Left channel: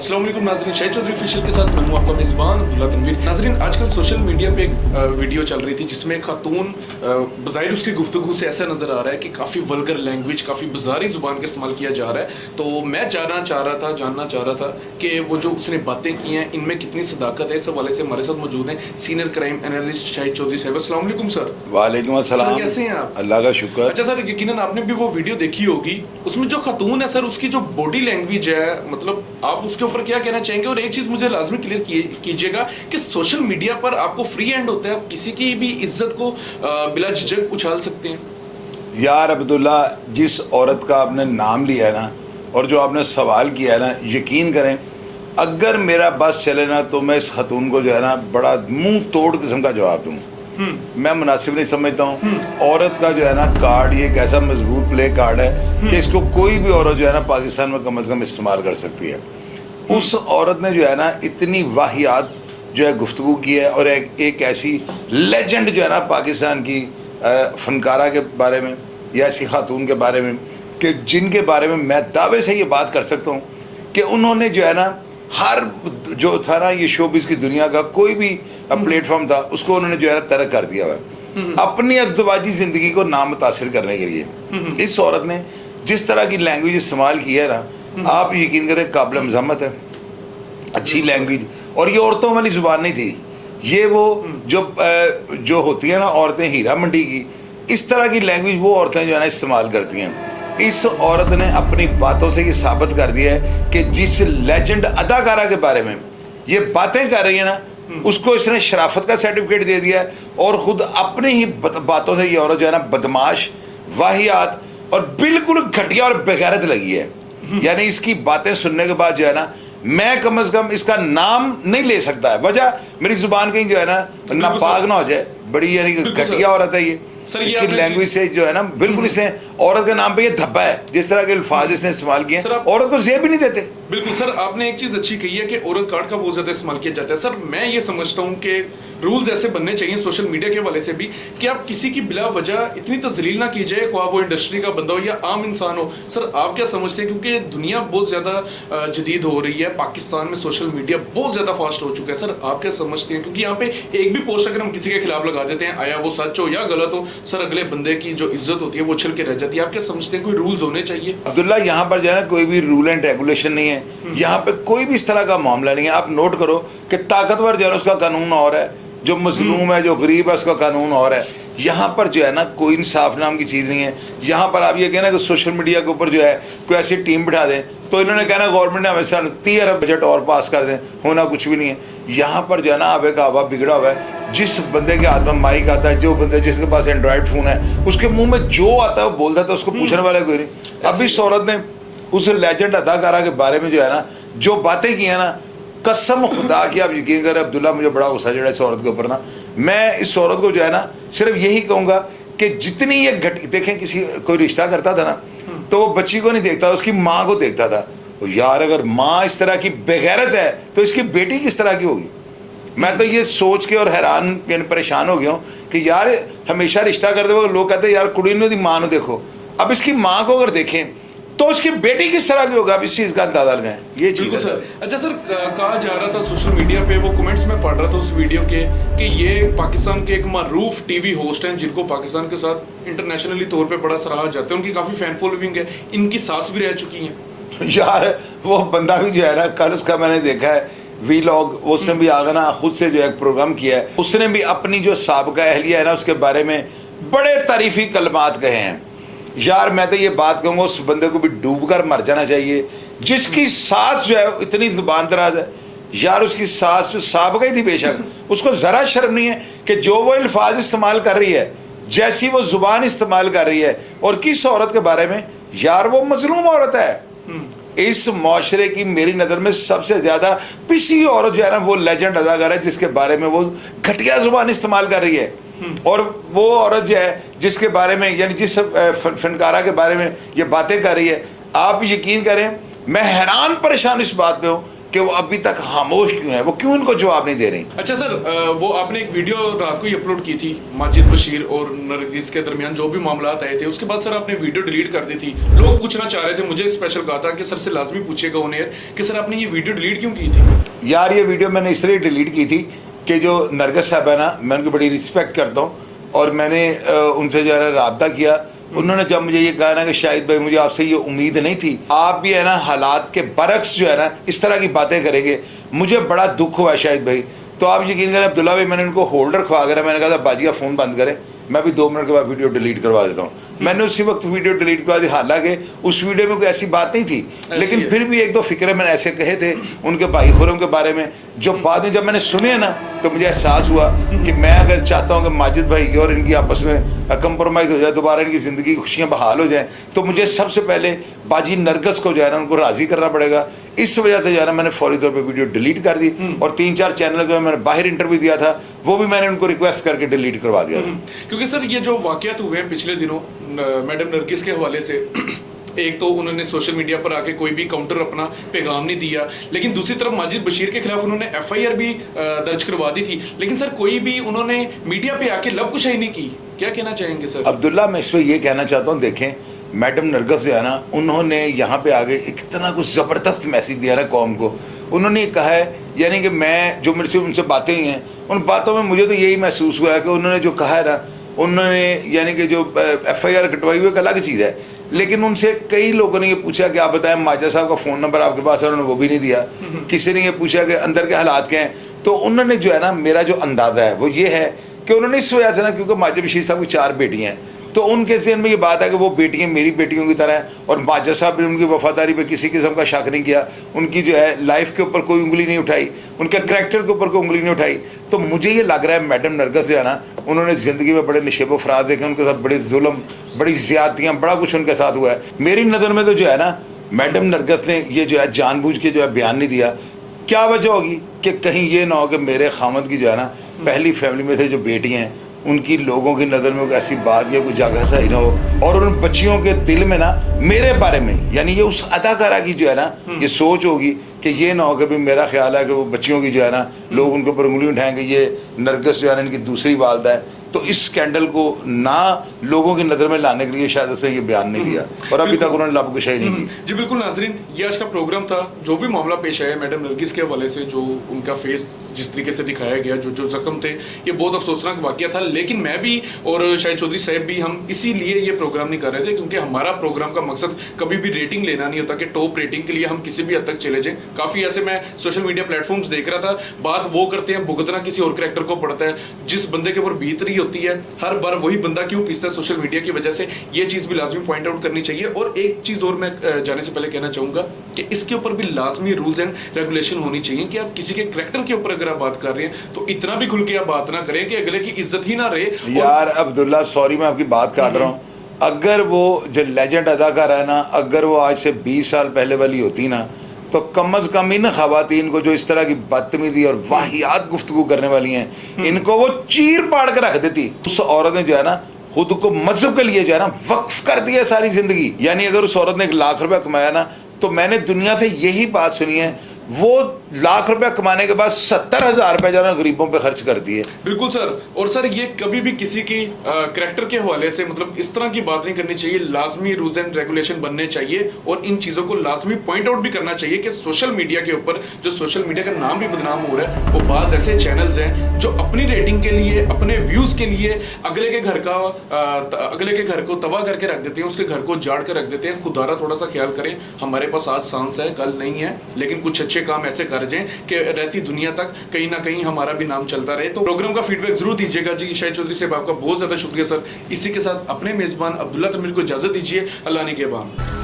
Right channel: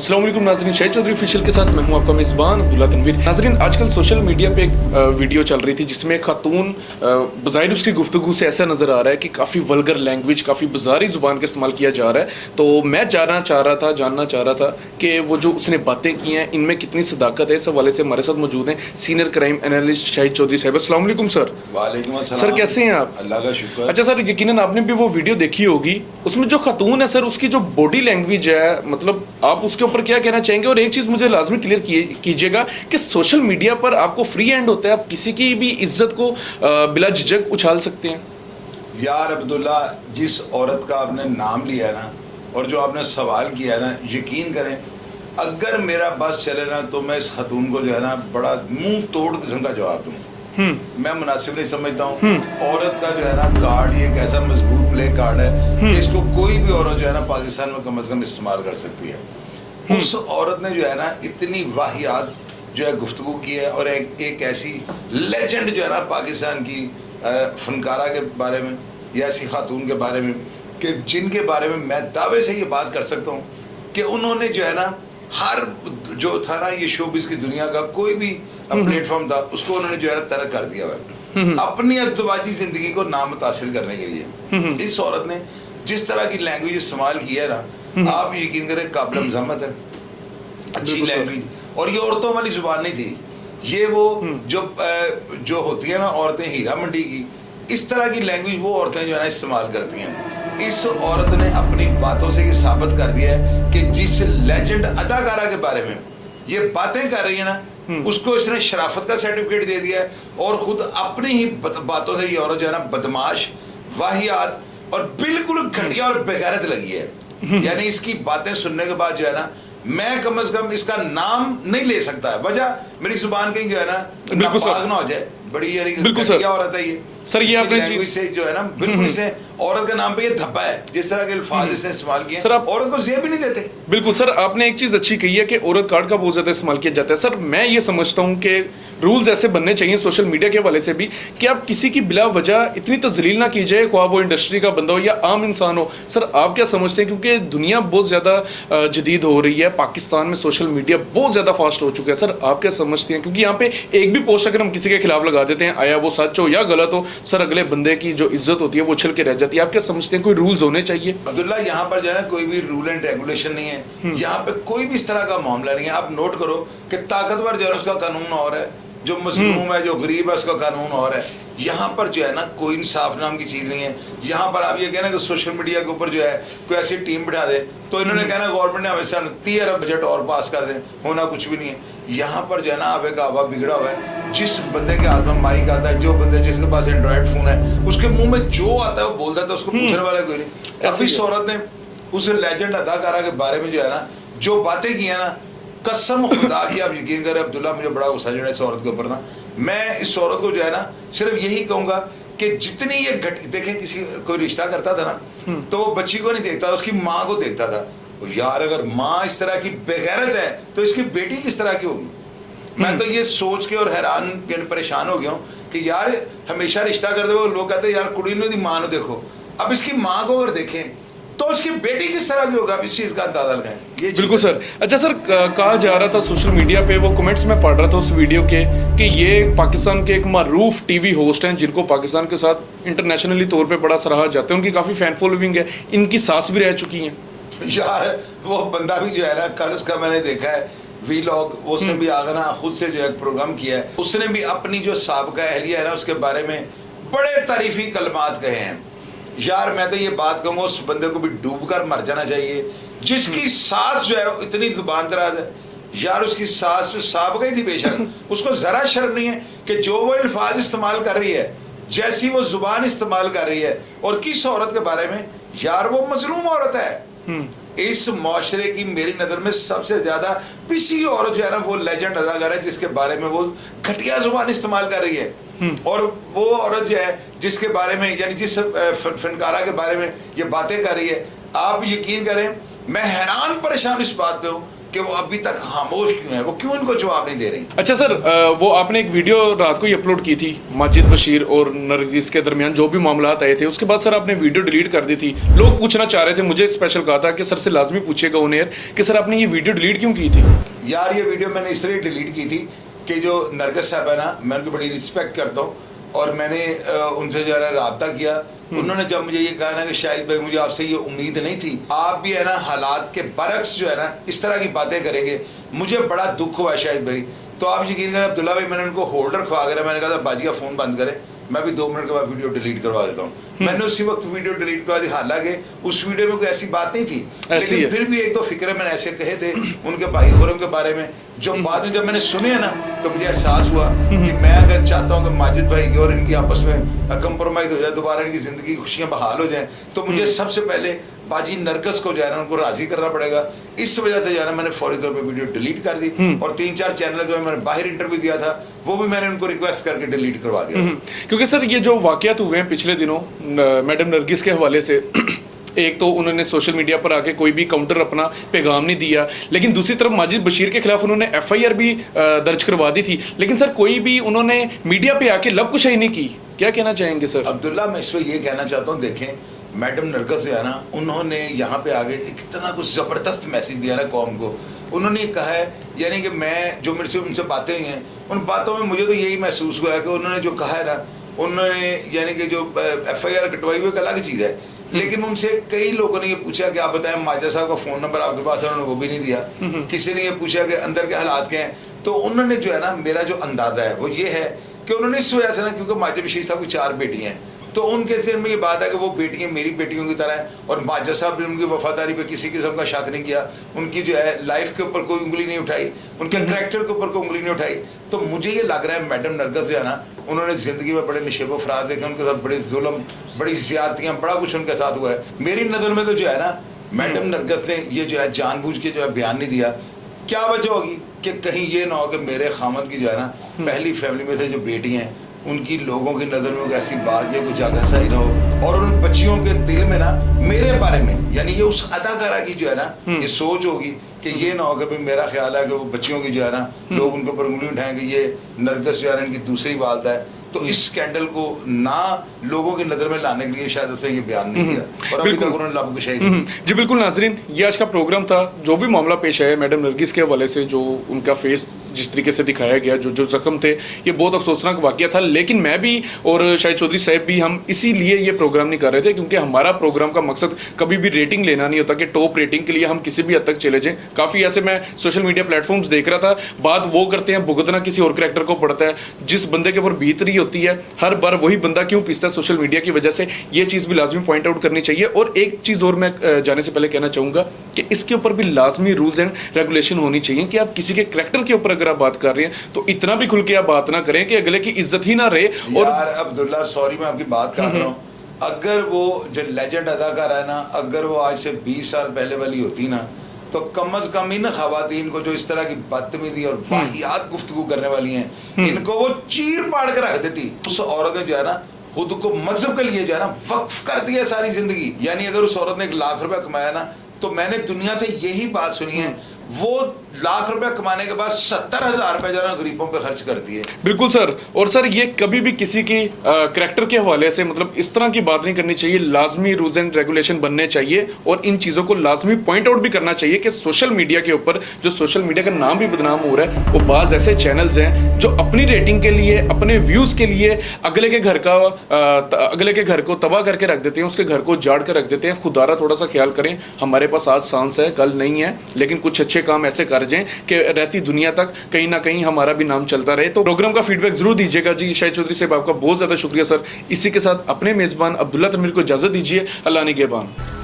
अस्सलाम वालेकुम नाज़रीन, शाहिद चौधरी ऑफिशियल के साथ मैं हूं आपका मेज़बान अब्दुल्ला तनवीर। नाज़रीन, आजकल सोशल मीडिया पे एक वीडियो चल रही थी जिसमें एक खातून बज़ाहिर उसकी गुफ्तगू से ऐसा नज़र आ रहा है कि काफ़ी वल्गर लैंग्वेज, काफ़ी बाजारी ज़ुबान का इस्तेमाल किया जा रहा है। तो मैं जानना चाह रहा था कि वो जो उसने बातें की हैं इनमें कितनी सदाकत है। इस हवाले से हमारे साथ मौजूद हैं senior crime analyst Shahid Chaudhary साहब। अस्सलाम वालेकुम सर। वालेकुम अस्सलाम। सर कैसे हैं आप? अल्लाह का शुक्र। अच्छा सर, यकीनन आपने भी वो वीडियो देखी होगी। उसमें जो खातून है सर, उसकी जो बॉडी लैंग्वेज है, मतलब आप उसके ऊपर क्या कहना चाहेंगे? और एक चीज मुझे लाजमी क्लियर कीजिएगा कि सोशल मीडिया पर आपको फ्री हैंड होता है, आप किसी की भी इज्जत को बिला झिझक उछाल सकते हैं। यार अब्दुल्ला, जिस औरत का आपने नाम लिया है ना और जो आपने सवाल किया है ना, यकीन करें अगर मेरा बस चले ना तो मैं इस खतून को जो है ना बड़ा मुंह तोड़ किस्म का जवाब दूँ। मैं मुनासिब नहीं समझता हूँ। औरत का जो है ना कार्ड ये एक ऐसा मजबूत प्ले कार्ड है कि इसको कोई भी औरत जो है ना पाकिस्तान में कम से कम इस्तेमाल कर सकती है। उस औरत ने जो है ना इतनी वाहियात जो है गुफ्तगू की है और एक ऐसी लेजेंड जो है ना पाकिस्तान की फनकारा के बारे में या ऐसी खातून के बारे में कि जिनके बारे में मैं दावे से ये बात कर सकता हूँ कि उन्होंने जो है ना हर जो था ना ये शोबिज़ की दुनिया का कोई भी प्लेटफॉर्म था उसको उन्होंने जो है ना तरक कर दिया हुआ अपनी अज़दवाजी ज़िंदगी को नामुतासिर करने के लिए। इस औरत ने जिस तरह की लैंग्वेज इस्तेमाल की है ना, आप यकीन करें काबिल मज़म्मत है। अच्छी लैंग्वेज, और ये औरतों वाली जुबान नहीं थी। ये वो जो होती है ना औरतें हीरा मंडी की, इस तरह की लैंग्वेज वो औरतें जो है ना इस्तेमाल करती हैं। इस औरत ने अपनी बातों से ये साबित कर दिया है कि जिस लेजेंड अदाकारा के बारे में ये बातें कर रही है ना, उसको इसने शराफत का सर्टिफिकेट दे दिया है और खुद अपनी ही बातों से ये औरत जो है ना बदमाश, वाहियात और बिल्कुल घटिया और बेगैरत लगी है। यानी इसकी बातें सुनने के बाद जो है ना मैं कम से कम इसका नाम नहीं ले सकता है। वजह मेरी जुबान कहीं जो है ना नापाक ना हो जाए। बड़ी यानी घटिया औरत है ये सर। ये लैंग्वेज से जो है ना बिल्कुल इसने औरत के नाम पे ये धब्बा है। जिस तरह के अल्फाज इसने इस्तेमाल किए सर, आप औरत को जेब भी नहीं देते। बिल्कुल सर, आपने एक चीज अच्छी कही है कि औरत कार्ड का बहुत ज्यादा इस्तेमाल किया जाता है। सर मैं ये समझता हूँ कि रूल्स ऐसे बनने चाहिए सोशल मीडिया के हवाले से भी कि आप किसी की बिला वजह इतनी तजलील ना कीजिए, ख्वाह वो इंडस्ट्री का बंदा हो या आम इंसान हो। सर आप क्या समझते हैं? क्योंकि दुनिया बहुत ज्यादा जदीद हो रही है, पाकिस्तान में सोशल मीडिया बहुत ज्यादा फास्ट हो चुका है। सर आप क्या समझते हैं? क्योंकि यहाँ पे एक भी पोस्ट अगर हम किसी के खिलाफ लगा देते हैं, आया वो सच हो या गलत हो, सर अगले बंदे की जो इज्जत होती है वो उछल के रह जाती है। आप क्या समझते हैं कोई रूल्स होने चाहिए? अब्दुल्ला, यहाँ पर जो है ना कोई भी रूल एंड रेगुलेशन नहीं है। यहाँ पे कोई भी इस तरह का मामला नहीं है। आप नोट करो कि ताकतवर जो है उसका कानून और है, जो मजलूम है, जो गरीब है, उसका कानून और है। यहाँ पर जो है ना कोई इंसाफ नाम की चीज़ नहीं है। यहाँ पर आप ये कहना कि सोशल मीडिया के ऊपर जो है कोई ऐसी टीम बिठा दे तो इन्होंने कहना गवर्नमेंट ने हमेशा 30 अरब बजट और पास कर दे, होना कुछ भी नहीं है। यहाँ पर जो है ना आवे का आवा बिगड़ा हुआ है। जिस बंदे के हाथ में माइक आता है, जो बंदे जिसके पास एंड्रॉयड फ़ोन है, उसके मुँह में जो आता है वो बोलता है, उसको पूछने वाला कोई नहीं। अब इस औरत ने उस लेजेंड अदाकारा के बारे में जो है ना जो बातें की है ना, कसम खुदा की आप यकीन करें अब्दुल्ला, मुझे बड़ा गुस्सा चढ़ा इस औरत के ऊपर ना। मैं इस औरत को जो है ना सिर्फ यही कहूँगा कि जितनी ये देखें किसी कोई रिश्ता करता था ना तो वो बच्ची को नहीं देखता, उसकी माँ को देखता था। तो यार अगर माँ इस तरह की बेगैरत है तो इसकी बेटी किस तरह की होगी? मैं तो ये सोच के और हैरान परेशान हो गया हूँ कि यार हमेशा रिश्ता करते हुए लोग कहते हैं यार कुड़ी ने दी माँ ने देखो। अब इसकी माँ को अगर देखें तो उसकी बेटी किस तरह की होगा, अब इस चीज का अंदाजा लगाएं। ये बिल्कुल सर। अच्छा सर, कहा जा रहा था सोशल मीडिया पे, वो कमेंट्स में पढ़ रहा था उस वीडियो के कि ये पाकिस्तान के एक मारूफ टीवी होस्ट हैं जिनको पाकिस्तान के साथ इंटरनेशनली तौर पे बड़ा सराहा जाता है, उनकी काफी फैन फॉलोइंग है, इनकी सास भी रह चुकी हैं। यार वो बंदा भी जो है ना, कल उसका मैंने देखा है वीलॉग, उसने भी आगे ना खुद से जो है प्रोग्राम किया है। उसने भी अपनी जो साबिका अहलिया है ना उसके बारे में बड़े तारीफी कलमात कहे हैं। यार मैं तो ये बात कहूँगा उस बंदे को भी डूबकर मर जाना चाहिए जिसकी सास जो है इतनी जुबान दराज है। यार उसकी सास जो साबिका ही थी बेशक, उसको जरा शर्म नहीं है कि जो वो अल्फाज इस्तेमाल कर रही है, जैसी वो जुबान इस्तेमाल कर रही है, और किस औरत के बारे में? यार वो मजलूम औरत है। इस माशरे की मेरी नज़र में सबसे ज़्यादा पिसी औरत जो है ना वो लेजेंड अदाकार है जिसके बारे में वो घटिया जुबान इस्तेमाल कर रही है। और वो औरत जो है जिसके बारे में यानी जिस फनकारा के बारे में ये बातें कर रही है, आप यकीन करें मैं हैरान परेशान इस बात पे हूँ कि वो अभी तक खामोश क्यों है, वो क्यों इनको जवाब नहीं दे रही। अच्छा सर, वो आपने एक वीडियो रात को ही अपलोड की थी माजिद बशीर और नरगिस के दरमियान जो भी मामला आए थे, उसके बाद सर आपने वीडियो डिलीट कर दी थी। लोग पूछना चाह रहे थे, मुझे स्पेशल कहा था कि सर से लाजमी पूछिएगा ऑन एयर कि सर आपने ये वीडियो डिलीट क्यों की थी। यार ये वीडियो मैंने इसलिए डिलीट की थी कि जो नरगिस साहब है ना, मैं उनकी बड़ी रिस्पेक्ट करता हूँ और मैंने उनसे जो है रब्ता किया। उन्होंने जब मुझे ये कहा ना कि शाहिद भाई मुझे आपसे ये उम्मीद नहीं थी, आप भी है ना हालात के बरक्स जो है ना इस तरह की बातें करेंगे, मुझे बड़ा दुख हुआ शाहिद भाई। तो आप यकीन करें अब्दुल्ला भाई, मैंने उनको होल्डर खवा कर मैंने कहा था बाजिया फ़ोन बंद करें, मैं भी 2 मिनट के बाद वीडियो डिलीट करवा देता हूँ। मैंने उसी वक्त वीडियो डिलीट करवा दी, हालांकि उस वीडियो में कोई ऐसी बात नहीं थी, लेकिन फिर भी 1-2 फिक्रे मैंने ऐसे कहे थे उनके भाई खुरम के बारे में, जो बाद में जब मैंने सुने ना तो मुझे एहसास हुआ कि मैं अगर चाहता हूँ कि माजिद भाई की और इनकी आपस में कंप्रोमाइज़ हो जाए, दोबारा इनकी ज़िंदगी की खुशियाँ बहाल हो जाए, तो मुझे सबसे पहले बाजी नरगिस को जो है ना उनको राज़ी करना पड़ेगा। इस वजह से जो है ना मैंने फौरी तौर पे वीडियो डिलीट कर दी और 3-4 चैनल जो मैंने बाहर इंटरव्यू दिया था वो भी मैंने उनको रिक्वेस्ट करके डिलीट करवा दिया। क्योंकि सर ये जो वाकयात हुए हैं पिछले दिनों मैडम नरगिस के हवाले से, एक तो उन्होंने सोशल मीडिया पर आके कोई भी काउंटर अपना पैगाम नहीं दिया, लेकिन दूसरी तरफ माजिद बशीर के खिलाफ उन्होंने एफआईआर भी दर्ज करवा दी थी, लेकिन सर कोई भी उन्होंने मीडिया पे आके लबकुशाई नहीं की। क्या कहना चाहेंगे सर? अब्दुल्ला, मैं इस पर ये कहना चाहता हूँ, देखें मैडम नरगिस जो है ना उन्होंने यहाँ पे आगे इतना कुछ ज़बरदस्त मैसेज दिया ना कौम को। उन्होंने कहा है यानी कि मैं जो मेरे से उनसे बातें हुई हैं उन बातों में मुझे तो यही महसूस हुआ है कि उन्होंने जो कहा है ना, उन्होंने यानी कि जो एफआईआर कटवाई हुई एक अलग चीज़ है, लेकिन उनसे कई लोगों ने ये पूछा कि आप बताएं माजा साहब का फ़ोन नंबर आपके पास है, उन्होंने वो भी नहीं दिया। किसी ने ये पूछा कि अंदर के हालात क्या हैं, तो उन्होंने जो है ना मेरा जो अंदाज़ा है वो ये है कि उन्होंने इस वजह से ना, क्योंकि माजिद बशीर साहब की 4 बेटियाँ हैं, तो उनके सीन में ये बात है कि वो बेटियाँ मेरी बेटियों की तरह है और माजा साहब ने उनकी वफादारी पे किसी किस्म का शक नहीं किया, उनकी जो है लाइफ के ऊपर कोई उंगली नहीं उठाई, उनके करैक्टर के ऊपर कोई उंगली नहीं उठाई। तो मुझे ये लग रहा है मैडम नरगिस जो है ना उन्होंने ज़िंदगी में बड़े निशेब फराज देखे, उनके साथ बड़ी जुल्म, बड़ी ज़्यादतियाँ, बड़ा कुछ उनके साथ हुआ है। मेरी नज़र में तो जो है ना मैडम नरगिस ने ये जो है जानबूझ के जो है बयान नहीं दिया। क्या वजह होगी कि कहीं ये ना हो कि मेरे खामद की जो है ना पहली फैमिली में से जो बेटियाँ हैं उनकी लोगों की नज़र में ऐसी बात या कुछ जगह सही ना हो और उन बच्चियों के दिल में ना मेरे बारे में यानी ये उस अदाकारा की जो है ना ये सोच होगी कि ये ना हो कि मेरा ख्याल है कि वो बच्चियों की जो है ना लोग उनके ऊपर उंगली उठाएंगे, ये नरगिस जो है ना इनकी दूसरी वालदा है। तो इस स्कैंडल को ना लोगों की नज़र में लाने के लिए शायद उसने ये बयान नहीं दिया और अभी तक उन्होंने लबकुशाई नहीं की। जी बिल्कुल नाजरीन, ये आज का प्रोग्राम था। जो भी मामला पेश आया मैडम नरगिस के हवाले से, जो उनका फेस जिस तरीके से दिखाया गया, जो जख्म थे, ये बहुत अफसोसनाक वाकया था। लेकिन मैं भी और शाहिद चौधरी साहब भी हम इसीलिए ये प्रोग्राम नहीं कर रहे थे क्योंकि हमारा प्रोग्राम का मकसद कभी भी रेटिंग लेना नहीं होता कि टॉप रेटिंग के लिए हम किसी भी हद तक चले जाएं। काफ़ी ऐसे मैं सोशल मीडिया प्लेटफॉर्म्स देख रहा था, बात वो करते हैं भुगतना किसी और करैक्टर को पड़ता है, जिस बंदे के ऊपर बीत रही होती है हर बार वही बंदा क्यों पीसता है सोशल मीडिया की वजह से। ये चीज़ भी लाजमी पॉइंट आउट करनी चाहिए। और एक चीज़ और मैं जाने से पहले कहना चाहूँगा कि इसके ऊपर भी लाजमी रूल्स एंड रेगुलेशन होनी चाहिए कि आप किसी के करैक्टर के ऊपर अगर आप बात कर रहे हैं तो इतना भी खुल के आप बात ना करें कि अगले की इज्जत ही ना रहे। यार अब्दुल्ला, सॉरी मैं आपकी बात काट रहा हूँ, अगर वो जो लेजेंड अदाकार है ना, अगर वो आज से 20 साल पहले वाली होती ना तो कम अज कम इन खवातीन को जो इस तरह की बदतमीजी और वाहियात गुफ्तगू करने वाली हैं इनको वो चीर पाड़ कर रख देती। उस औरत ने जो है ना खुद को मजहब के लिए जो है ना वक्फ कर दिया सारी जिंदगी। यानी अगर उस औरत ने 1 लाख रुपया कमाया ना, तो मैंने दुनिया से यही बात सुनी है, वो लाख रुपया कमाने के बाद 70,000 रुपये जो है गरीबों पे खर्च करती है। बिल्कुल सर। और सर ये कभी भी किसी की करैक्टर के हवाले से मतलब इस तरह की बात नहीं करनी चाहिए। लाजमी रूल्स एंड रेगुलेशन बनने चाहिए और इन चीज़ों को लाजमी पॉइंट आउट भी करना चाहिए कि सोशल मीडिया के ऊपर जो सोशल मीडिया का नाम भी बदनाम हो रहा है, वो बाज़ ऐसे चैनल्स हैं जो अपनी रेटिंग के लिए, अपने व्यूज़ के लिए अगले के घर को तबाह करके रख देते हैं, उसके घर को उजाड़ कर रख देते हैं। खुदारा थोड़ा सा ख्याल करें, हमारे पास आज सांस है कल नहीं है, लेकिन कुछ अच्छे काम ऐसे कर जाएं कि रहती दुनिया तक कहीं ना कहीं हमारा भी नाम चलता रहे। तो प्रोग्राम का फीडबैक जरूर दीजिएगा जी। शाहिद चौधरी साहब आपका बहुत ज्यादा शुक्रिया सर। इसी के साथ अपने मेजबान अब्दुल्ला तमीर को इजाजत दीजिए। अल्लाह निगहबान।